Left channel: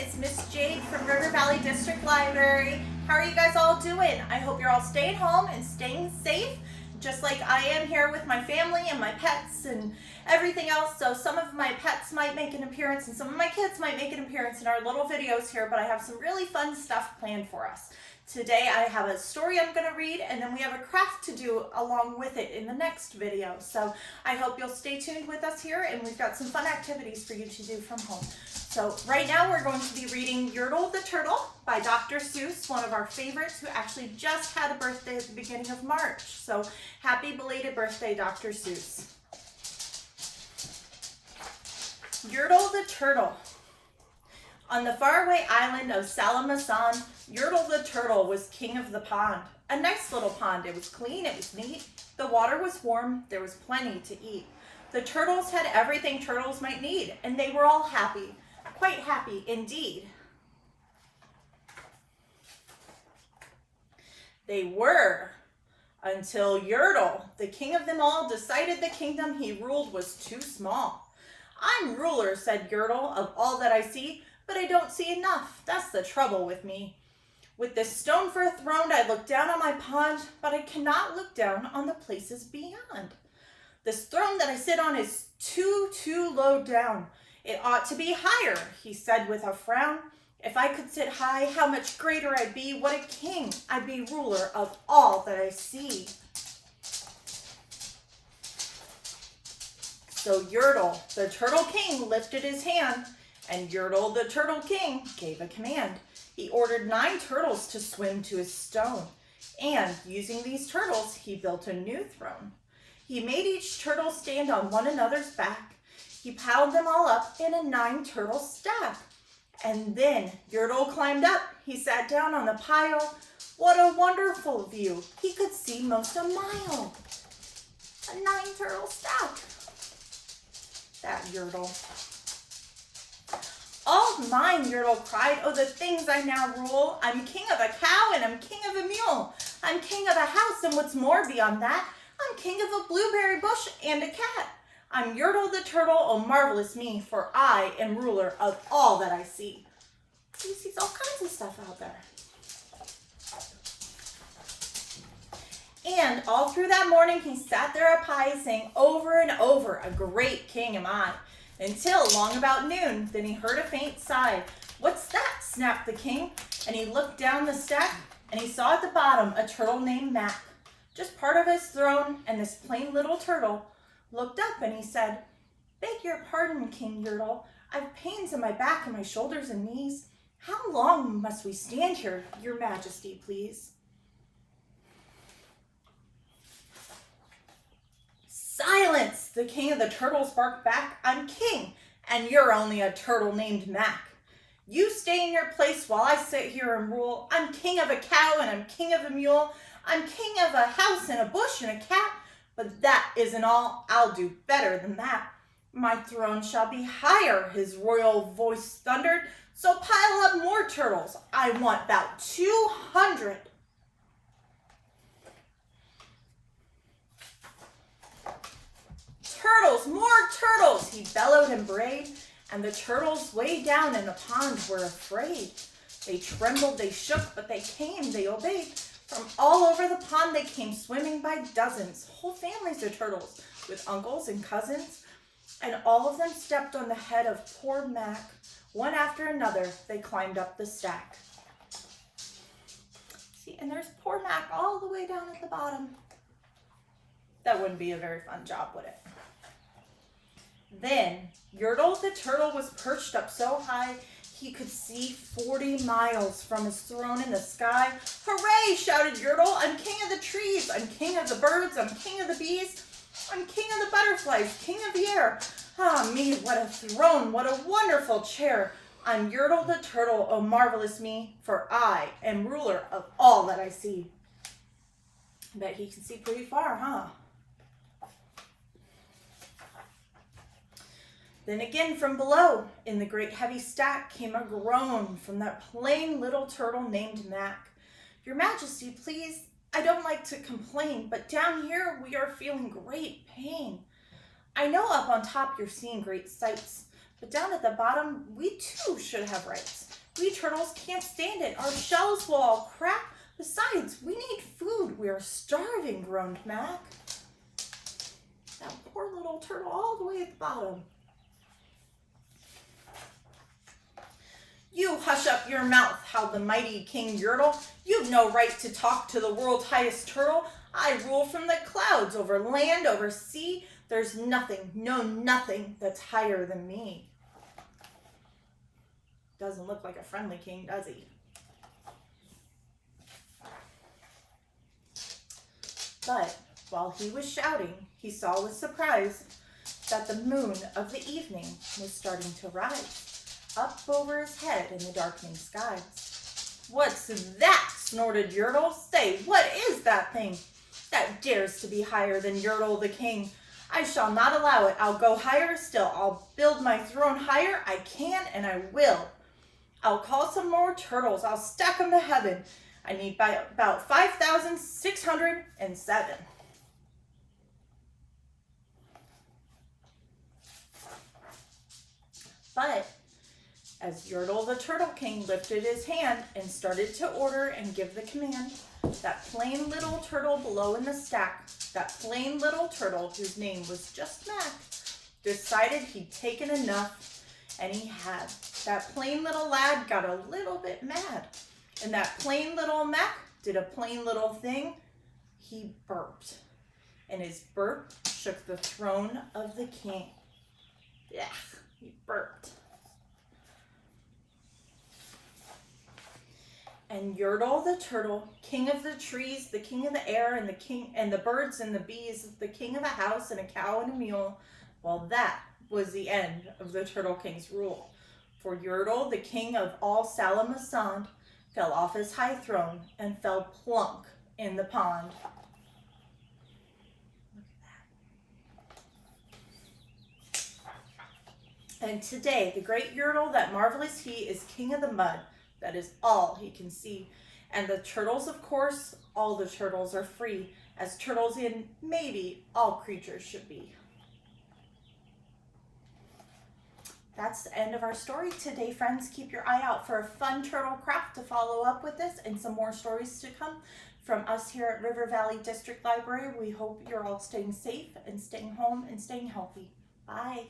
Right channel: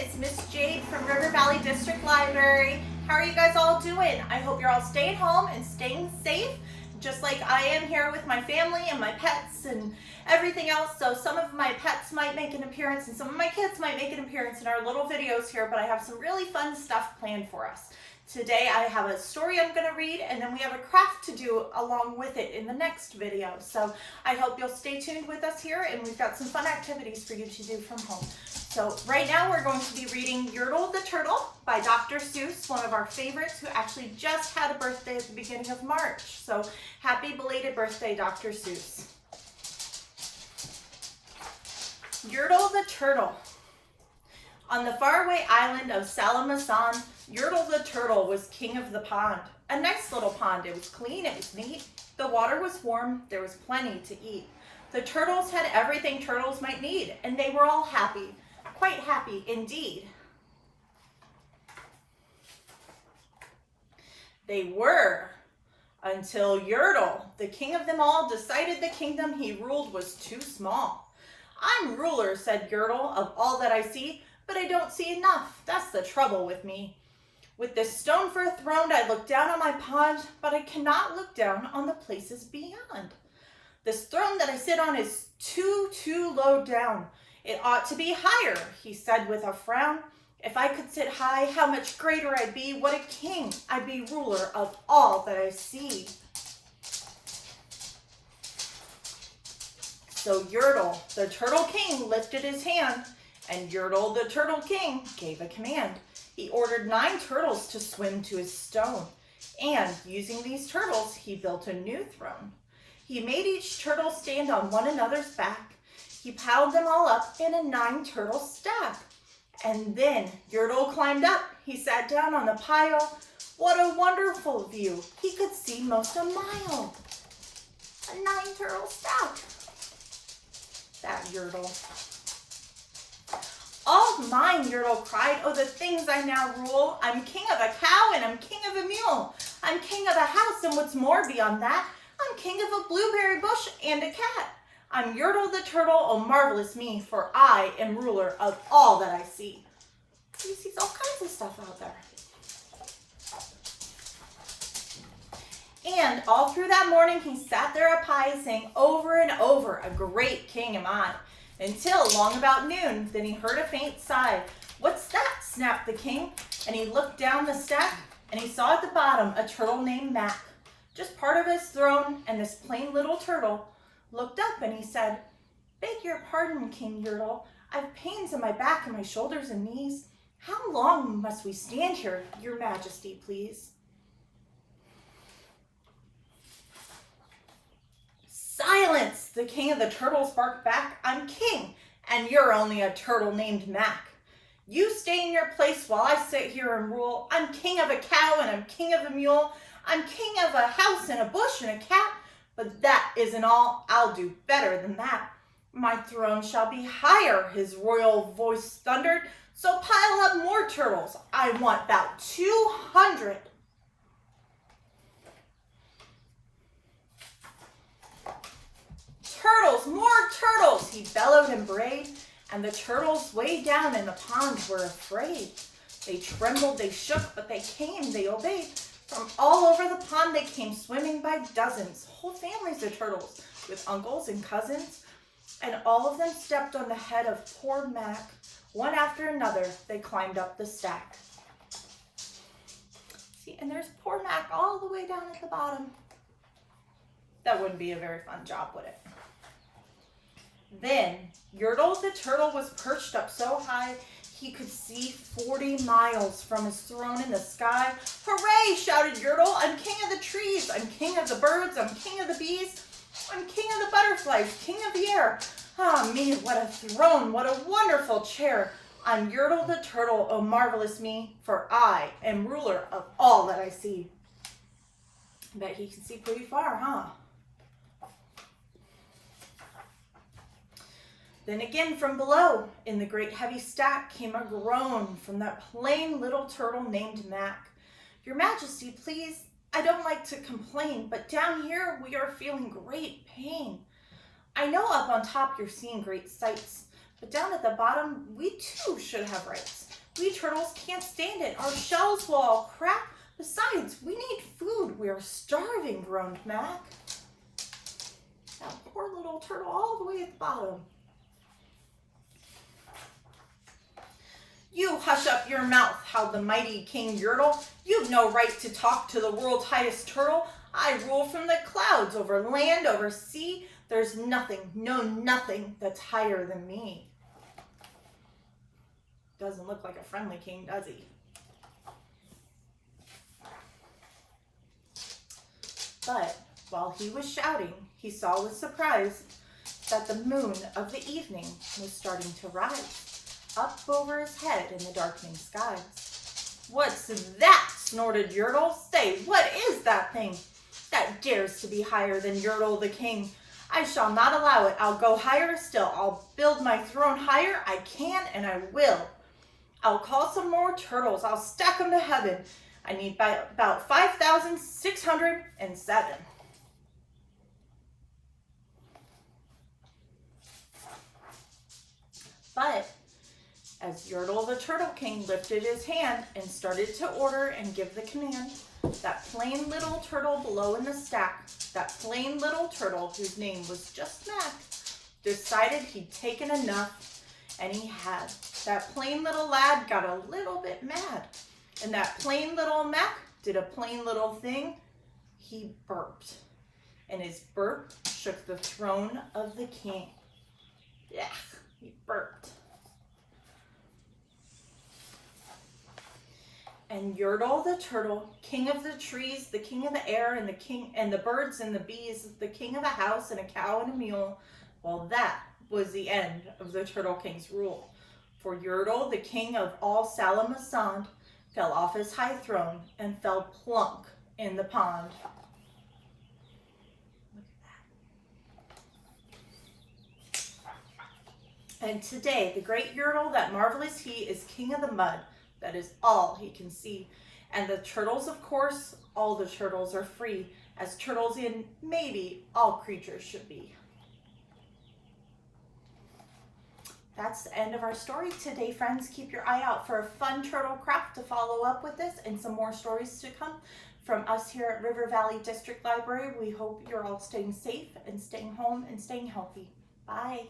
It's Miss Jade from River Valley District Library. How are you guys all doing? I hope you're all staying home and staying safe, just like I am here with my family and my pets and everything else. So some of my pets might make an appearance and some of my kids might make an appearance in our little videos here, but I have some really fun stuff planned for us. Today I have a story I'm going to read, and then we have a craft to do along with it in the next video. So I hope you'll stay tuned with us here, and we've got some fun activities for you to do from home. So right now we're going to be reading Yertle the Turtle by Dr. Seuss, one of our favorites, who actually just had a birthday at the beginning of March. So happy belated birthday, Dr. Seuss. Yertle the Turtle. On the faraway island of Salamasan, Yertle the Turtle was king of the pond. A nice little pond. It was clean, it was neat. The water was warm, there was plenty to eat. The turtles had everything turtles might need, and they were all happy. Quite happy indeed. They were, until Yertle, the king of them all, decided the kingdom he ruled was too small. "I'm ruler," said Yertle, "of all that I see, but I don't see enough. That's the trouble with me. With this stone for a throne, I look down on my pond, but I cannot look down on the places beyond. This throne that I sit on is too low down. It ought to be higher," he said with a frown. "If I could sit high, how much greater I'd be. What a king! I'd be ruler of all that I see." So Yertle, the Turtle King, lifted his hand, and Yertle, the Turtle King, gave a command. He ordered 9 turtles to swim to his stone, and using these turtles, he built a new throne. He made each turtle stand on one another's back. He piled them all up in a 9-turtle stack. And then Yertle climbed up. He sat down on the pile. What a wonderful view. He could see most a mile. A 9-turtle stack. That Yertle. "All mine," Yertle cried. "Oh, the things I now rule. I'm king of a cow and I'm king of a mule. I'm king of a house, and what's more beyond that, I'm king of a blueberry bush and a cat. I'm Yertle the Turtle, oh marvelous me, for I am ruler of all that I see." He sees all kinds of stuff out there. And all through that morning, he sat there up high, saying over and over, "A great king am I," until long about noon. Then he heard a faint sigh. "What's that?" snapped the king, and he looked down the stack, and he saw at the bottom a turtle named Mac, just part of his throne, and this plain little turtle looked up and he said, "Beg your pardon, King Yertle. I've pains in my back and my shoulders and knees. How long must we stand here, your majesty, please?" "Silence!" the king of the turtles barked back. "I'm king, and you're only a turtle named Mac. You stay in your place while I sit here and rule. I'm king of a cow and I'm king of a mule. I'm king of a house and a bush and a cat. But that isn't all. I'll do better than that. My throne shall be higher," his royal voice thundered. "So pile up more turtles. I want about 200. Turtles, more turtles!" he bellowed and brayed, and the turtles way down in the pond were afraid. They trembled, they shook, but they came, they obeyed. From all over the pond they came swimming by dozens, whole families of turtles, with uncles and cousins, and all of them stepped on the head of poor Mac. One after another, they climbed up the stack. See, and there's poor Mac all the way down at the bottom. That wouldn't be a very fun job, would it? Then Yertle the Turtle was perched up so high he could see 40 miles from his throne in the sky. "Hooray!" shouted Yertle. "I'm king of the trees. I'm king of the birds. I'm king of the bees. I'm king of the butterflies, king of the air. Ah me, what a throne, what a wonderful chair. I'm Yertle the Turtle, oh marvelous me, for I am ruler of all that I see." I bet he can see pretty far, huh? Then again from below, in the great heavy stack, came a groan from that plain little turtle named Mac. "Your Majesty, please, I don't like to complain, but down here we are feeling great pain. I know up on top you're seeing great sights, but down at the bottom we too should have rights. We turtles can't stand it. Our shells will all crack. Besides, we need food. We are starving, groaned Mac. That poor little turtle all the way at the bottom. You hush up your mouth, howled the mighty King Yertle. You've no right to talk to the world's highest turtle. I rule from the clouds, over land, over sea. There's nothing, no nothing that's higher than me. Doesn't look like a friendly king, does he? But while he was shouting, he saw with surprise that the moon of the evening was starting to rise up over his head in the darkening skies. What's that? Snorted Yertle. Say, what is that thing that dares to be higher than Yertle the king? I shall not allow it. I'll go higher still. I'll build my throne higher. I can and I will. I'll call some more turtles. I'll stack them to heaven. I need about 5,607. But as Yertle the Turtle King lifted his hand and started to order and give the command, that plain little turtle below in the stack, that plain little turtle whose name was just Mac, decided he'd taken enough, and he had. That plain little lad got a little bit mad, and that plain little Mac did a plain little thing. He burped, and his burp shook the throne of the king. Yeah, he burped. And Yertle the turtle, king of the trees, the king of the air, and the birds and the bees, the king of a house and a cow and a mule, well, that was the end of the Turtle King's rule. For Yertle, the king of all Salamasand, fell off his high throne and fell plunk in the pond. Look at that. And today, the great Yertle, that marvelous he, is king of the mud. That is all he can see. And the turtles, of course, all the turtles are free, as turtles in maybe all creatures should be. That's the end of our story today, friends. Keep your eye out for a fun turtle craft to follow up with this and some more stories to come from us here at River Valley District Library. We hope you're all staying safe and staying home and staying healthy. Bye.